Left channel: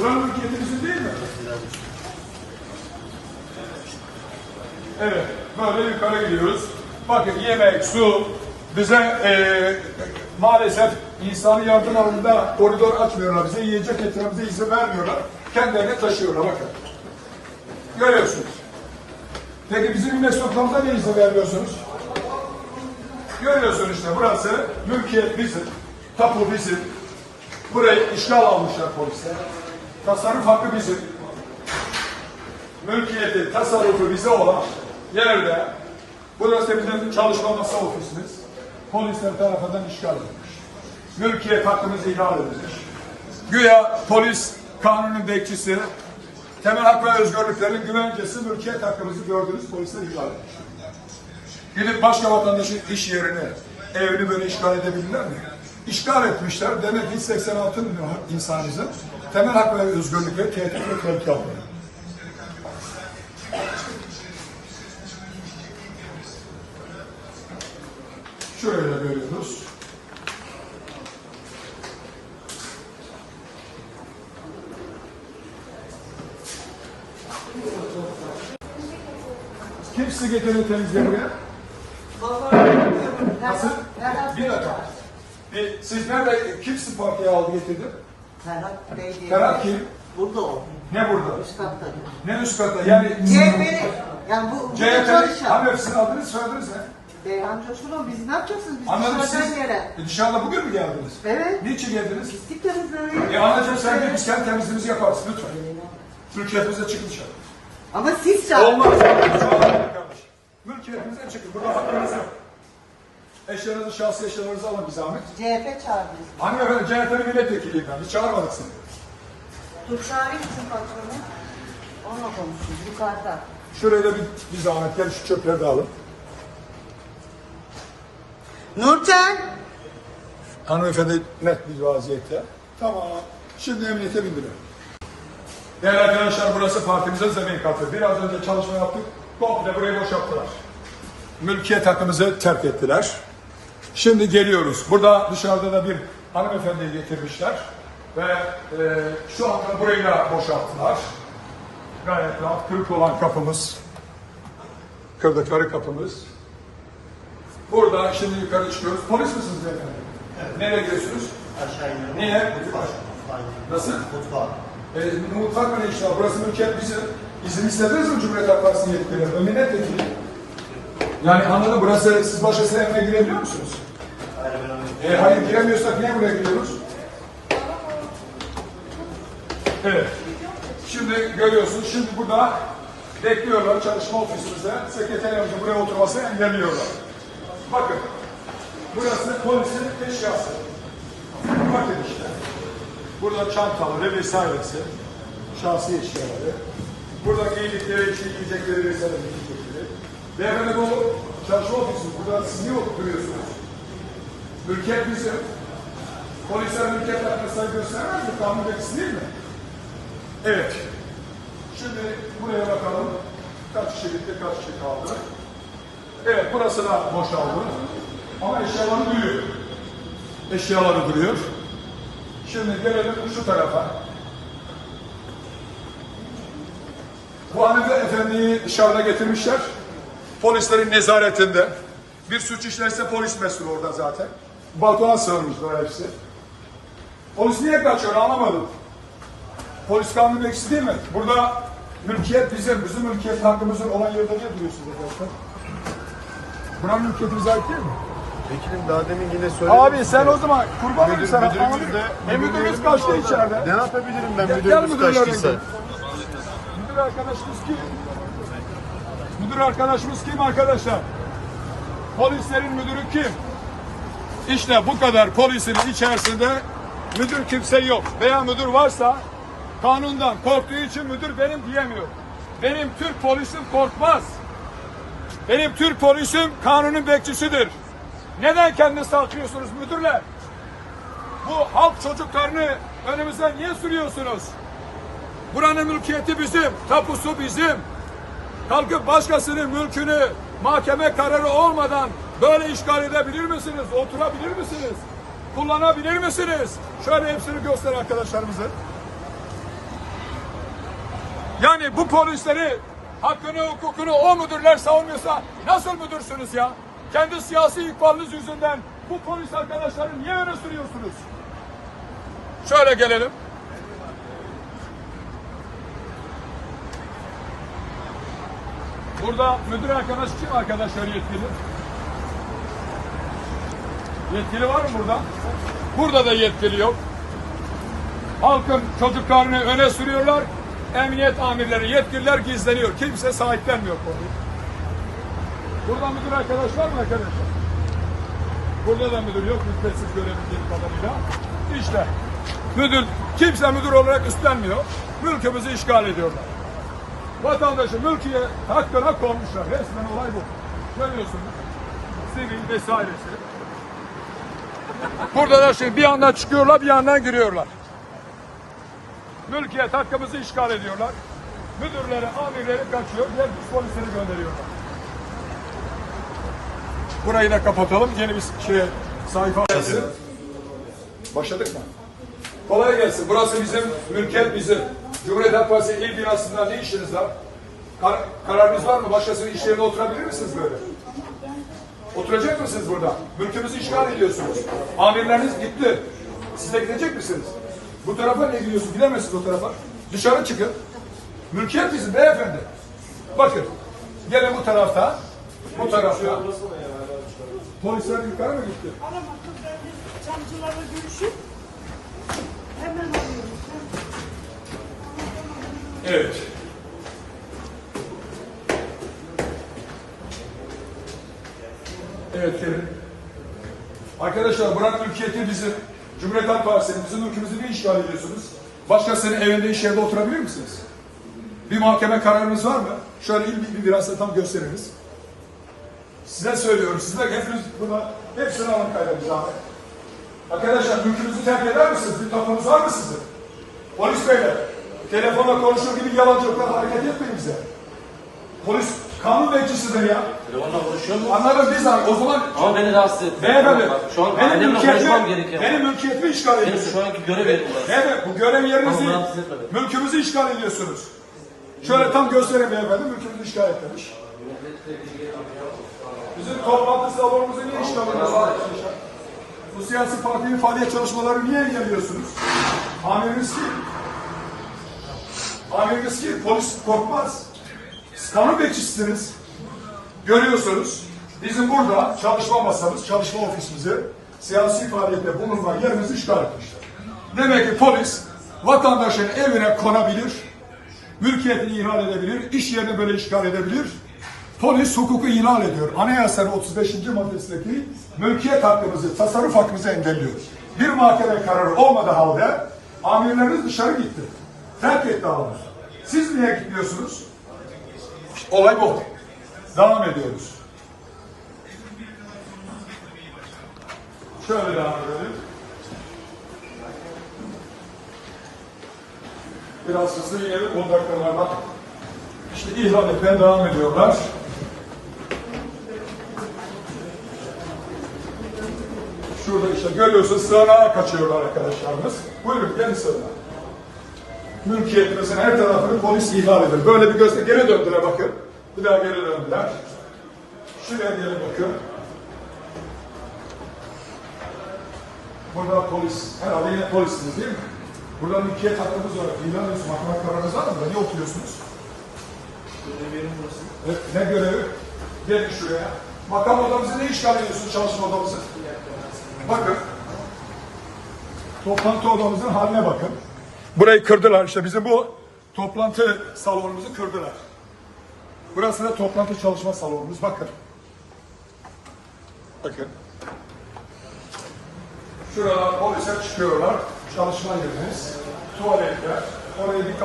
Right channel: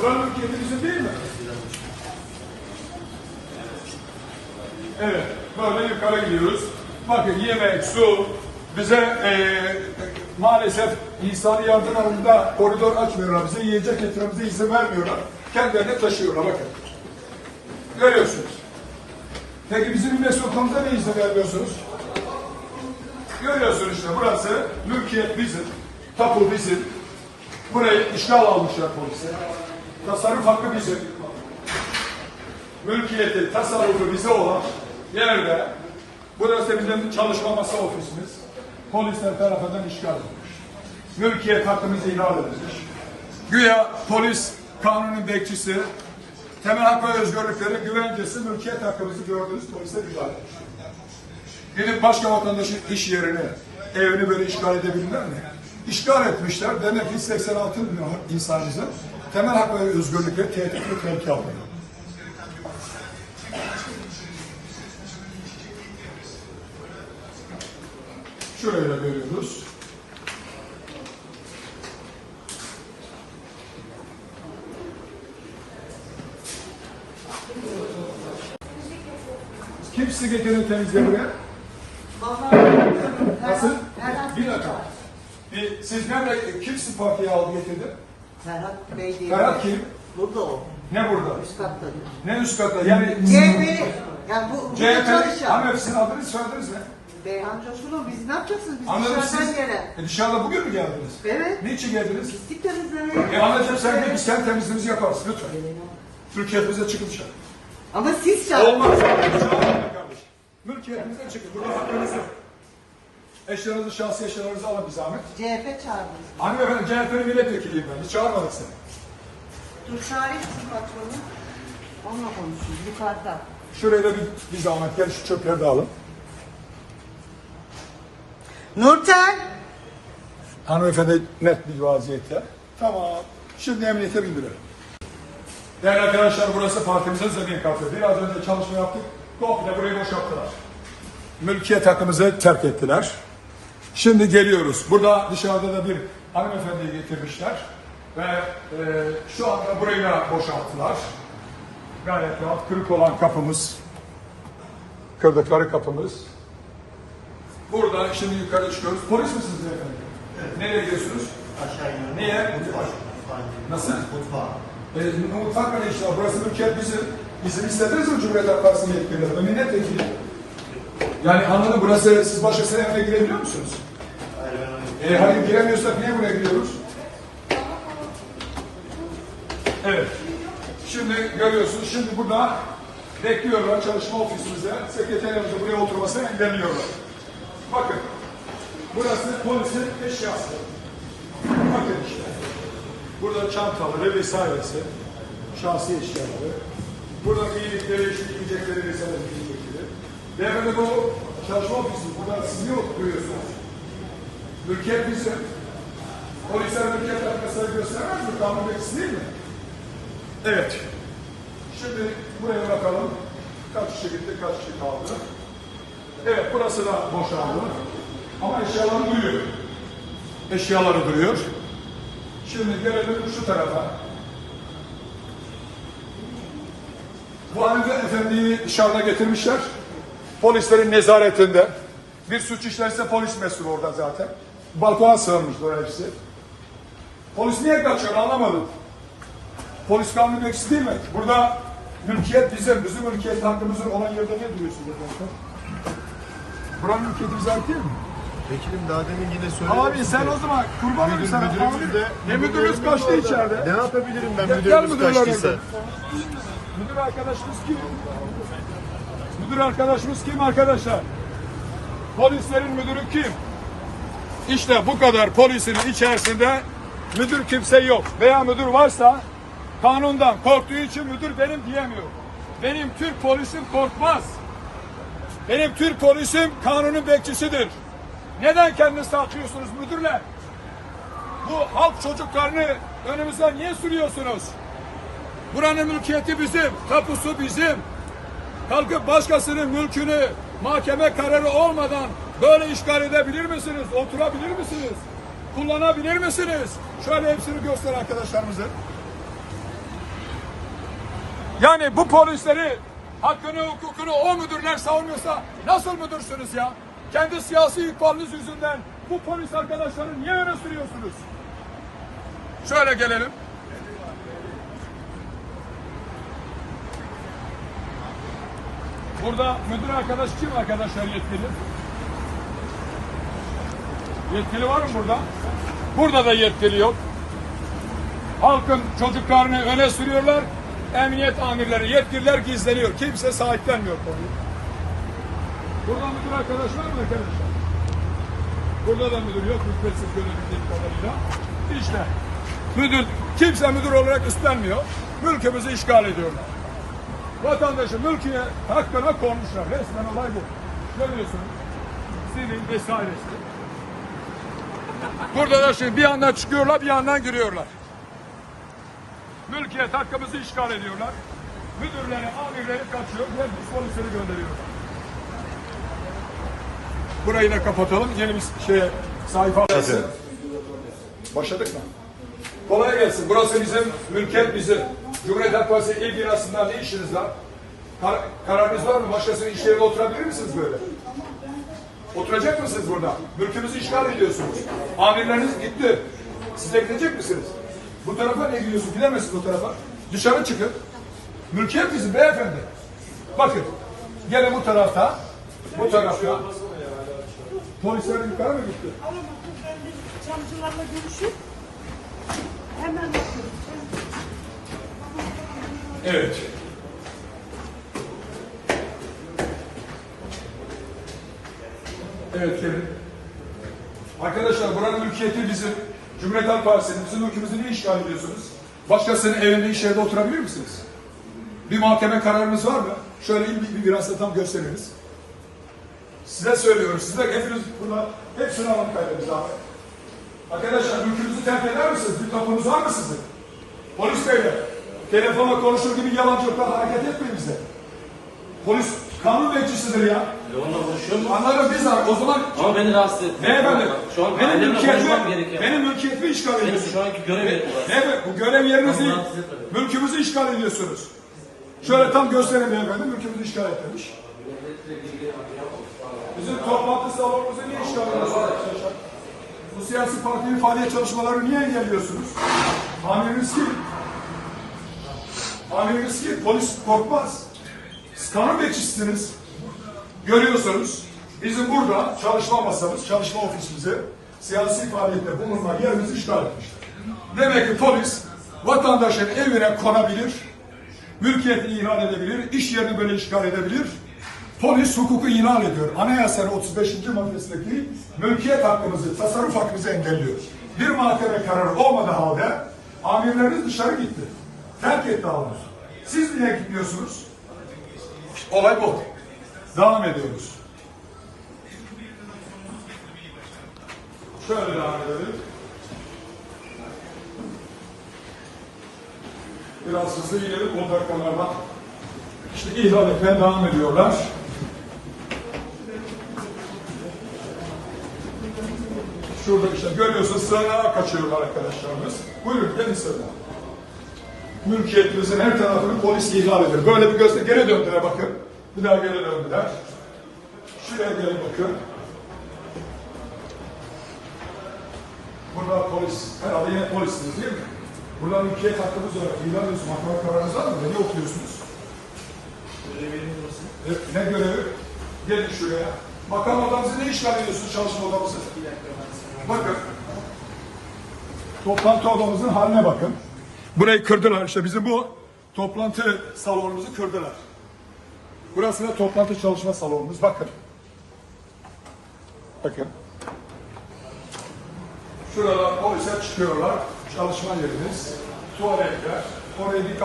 Buranın bizim değil mi? Evet, böyle yukarı gidiyoruz. Bakın yemek, su, bize eee maalesef insani yardım koridor açmıyorlar. Bize yiyecek getirmemize izin vermiyorlar. Kendilerine taşıyorlar bakın. Görüyorsunuz. Peki bizim İmmet Sultan'da ne izin vermiyorsunuz? Görüyorsun işte burası mülkiyet bizim, tapu bizim. Burayı işgal almışlar polisler. Tasarruf hakkı bizim. Mülkiyeti, tasarrufu bize olan yerde burası bizim çalışma masa ofisimiz. Polisler tarafından işgal edilmiş. Mülkiyet hakkımız ihlal edilmiş. Güya polis kanunun bekçisi, temel hak ve özgürlüklerin güvencesi mülkiyet hakkımızı gördüğünüz polisler ihlal etmiş. Gidip başka vatandaşın iş yerini, evini böyle işgal edebilirler mi? İşgal etmişler. Demek ki 86 milyon insanımızın temel hak ve özgürlükleri tehdit ve tehlike altında. Şöyle görüyoruz. Kim sizi getirir temizlemeye? Nasıl? Bir dakika. Bir, siz nerede, kim sizi partiye aldı getirdi? Ferhat Bey diye. Ferhat kim? Burada o. Ne burada? Üst katta. Ne üst katta? Yani CHP. Yani bu, bu CHP, çalışan. hanımefendi sizin adınız soyadınız ne? Beyhan Coşkun'un biz ne yapacaksınız? Biz Anladım dışarıdan siz. gelen. E, dışarıda bugün mü geldiniz? Evet. Niçin geldiniz? Pislik temizlemeye. E anacığım sen değil, sen temizliğimizi yaparsın lütfen. Türkiye'mize çıkmışlar. Ama siz çağırdınız. Olmaz. Mülkiyetimize çıkın. Burada hakkınız yok. Eşyalarınızı, şahsi eşyalarınızı alın bir zahmet. CHP çağırdınız. Hanımefendi CHP'nin milletvekiliyim ben. Hiç çağırmadık seni. Turşari için patronu. Onunla konuşuyoruz yukarıda. Şuraya da bir, bir zahmet gel şu çöpleri de alın. Nurten. Hanımefendi net bir vaziyette. Tamam. Şimdi emniyete bindirelim. Değerli arkadaşlar burası partimizin zemin katı. Biraz önce çalışma yaptık. Komple burayı boşalttılar. Mülkiyet hakkımızı terk ettiler. Şimdi geliyoruz. Burada dışarıda da bir hanımefendiyi getirmişler. Ve e, şu anda burayı da boşalttılar. Gayet rahat. Kırık olan kapımız. Kırdıkları kapımız. Burada şimdi yukarı çıkıyoruz. Polis misiniz beyefendi? Evet. Nereye gidiyorsunuz? Aşağı iniyorum. Niye? Nasıl? Mutfağa. E, mutfak mı işte? Burası mülkiyet bizim. Bizim istediniz mi Cumhuriyet Halk Partisi'nin yetkilileri? Ben milletvekili. Yani anladım burası siz başkasının evine girebiliyor musunuz? E, hayır giremiyorsak niye buraya gidiyoruz? Evet. Şimdi görüyorsunuz şimdi burada bekliyorlar çalışma ofisimize. Sekreterimizi buraya oturmasını engelliyorlar. Bakın. Burası polisin eşyası. Bakın işte. Burada çantaları vesairesi. Şahsi eşyaları. Burada giydikleri için giyecekleri vesaire. Beyefendi bu çalışma ofisi. Burada siz niye oturuyorsunuz? Mülkiyet bizim. Polisler mülkiyet arkadaşları göstermez mi? Kanun bekçisi değil mi? Evet. Şimdi buraya bakalım. Kaç kişi gitti, kaç kişi kaldı. Evet, burası da boşaldı. Ama eşyaları duruyor. Eşyaları duruyor. Şimdi gelelim şu tarafa. Bu Hamide Efendi'yi dışarıda getirmişler. Polislerin nezaretinde. Bir suç işlerse polis mesul orada zaten. Balkona sığınmışlar hepsi. Polis niye kaçıyor anlamadım. Polis kanunu bekçisi değil mi? Burada mülkiyet bizim, bizim mülkiyet hakkımızın olan yerde ne duruyorsunuz efendim? Buranın mülkiyeti bize ait değil mi? Vekilim daha demin yine söyledim. Abi sen o zaman kurban olayım sana. Amirim, de- Ne müdürümüz kaçtı içeride? Ne yapabilirim ben müdürlerine kaçtıysa? Müdür arkadaşımız kim? Müdür arkadaşımız kim arkadaşlar? Polislerin müdürü kim? İşte bu kadar polisin içerisinde müdür kimse yok. Veya müdür varsa kanundan korktuğu için müdür benim diyemiyor. Benim Türk polisim korkmaz. Benim Türk polisim kanunun bekçisidir. Neden kendinizi saklıyorsunuz müdürler? Bu halk çocuklarını önümüze niye sürüyorsunuz? Buranın mülkiyeti bizim, tapusu bizim. Kalkıp başkasının mülkünü mahkeme kararı olmadan böyle işgal edebilir misiniz? Oturabilir misiniz? Kullanabilir misiniz? Şöyle hepsini göster arkadaşlarımızın. Yani bu polisleri hakkını, hukukunu o müdürler savunuyorsa nasıl müdürsünüz ya? Kendi siyasi ihbarınız yüzünden bu polis arkadaşları niye öne sürüyorsunuz? Şöyle gelelim. Burada müdür arkadaş kim arkadaşlar yetkili? Yetkili var mı burada? Burada da yetkili yok. Halkın çocuklarını öne sürüyorlar. Emniyet amirleri, yetkililer gizleniyor. Kimse sahiplenmiyor konuyu. Burada müdür arkadaş var mı arkadaşlar? Burada da müdür yok. Mülkiyetsiz görebildiğim kadarıyla. İşte müdür, kimse müdür olarak üstlenmiyor. Mülkümüzü işgal ediyorlar. Vatandaşın mülkiye hakkına konmuşlar. Resmen olay bu. Görüyorsunuz. Sivil vesairesi. Burada da şimdi bir yandan çıkıyorlar, bir yandan giriyorlar. Mülkiyet hakkımızı işgal ediyorlar. Müdürleri, amirleri kaçıyor, diğer polisleri gönderiyorlar. Burayı da kapatalım. Yeni bir şey sayfa açalım. Başladık mı? Kolay gelsin. Burası bizim, mülkiyet bizim. Cumhuriyet Halk Partisi il binasında ne işiniz var? Kar kararınız var mı? Başkasının iş yerine oturabilir misiniz böyle? Oturacak mısınız burada? Mülkümüzü işgal ediyorsunuz. Amirleriniz gitti. Size gidecek misiniz? Bu tarafa ne gidiyorsunuz? Gidemezsiniz o tarafa. Dışarı çıkın. Mülkiyet bizim beyefendi. Bakın. Gene bu tarafta. Bu tarafta. Polisler yukarı mı gitti? Aramadım ben de çamcılarla görüşüp hemen. Evet. Evet Kerim. Arkadaşlar buranın mülkiyeti bizim. Cumhuriyet Halk Partisi'nin bizim ülkemizi niye işgal ediyorsunuz? Başkasının evinde iş yerinde oturabilir misiniz? Bir mahkeme kararınız var mı? Şöyle bir, bir biraz tam gösteririz. Size söylüyorum. Size hepiniz buna hepsini kaydımız abi. Arkadaşlar mülkünüzü terk eder misiniz? Bir topunuz var mı sizin? Polis beyler, telefonla konuşur gibi yalancılıkla hareket etmeyin bize. Polis kanun bekçisidir ya. Onunla konuşuyorum. Anlarız biz abi. O zaman Ama beni rahatsız etmiyor. beyefendi, Bak, Şu an benim mülkiyetimi, gerekiyor. benim mülkiyetimi işgal Benim ediyorsunuz. şu anki görev yerim. Beyefendi, bu görev yeriniz değil. Ama rahatsız etmedim. Mülkümüzü işgal ediyorsunuz. Şöyle tam gösterin beyefendi, mülkümüzü işgal etmemiş. Bizim toplantı salonumuzu niye işgal ediyorsunuz arkadaşlar? Bu siyasi partinin faaliyet çalışmaları niye engelliyorsunuz? Amiriniz kim? Amiriniz kim? Polis korkmaz. Kanun bekçisiniz. Görüyorsunuz. Bizim burada çalışma masamız, çalışma ofisimizi siyasi faaliyette bulunma yerimizi işgal etmişler. Demek ki polis vatandaşın evine konabilir, mülkiyetini ihlal edebilir, iş yerini böyle işgal edebilir. Polis hukuku ihlal ediyor. Anayasanın 35. maddesindeki mülkiyet hakkımızı, tasarruf hakkımızı engelliyor. Bir mahkeme kararı olmadığı halde amirleriniz dışarı gitti. Terk etti alanı. Siz niye gitmiyorsunuz? Olay bu. Devam ediyoruz. Şöyle devam edelim. Biraz hızlı inelim 10 dakikalarla. İşte ihlal etmeye devam ediyorlar. Şurada işte görüyorsunuz sığınağa kaçıyorlar arkadaşlarımız. Buyurun gelin sığınağa. Mülkiyetimizin her tarafını polis ihlal ediyor. Böyle bir göster. Geri döndüler bakın. Bir daha geri döndüler. Şuraya geri bakın. Burada polis, herhalde yine polisiniz değil mi? Burada mülkiyet hakkımız var. İlan ediyorsunuz, mahkeme kararınız var mı? Niye oturuyorsunuz? Evet, ne görevi? Gelin şuraya. Makam odamızı ne işgal ediyorsunuz çalışma odamızı? Bakın. Toplantı odamızın haline bakın. Burayı kırdılar işte bizim bu toplantı salonumuzu kırdılar. Burası da toplantı çalışma salonumuz bakın. Bakın. Şuradan polise çıkıyorlar. Çalışma yeriniz. Tuvaletler. Orayı bir kapı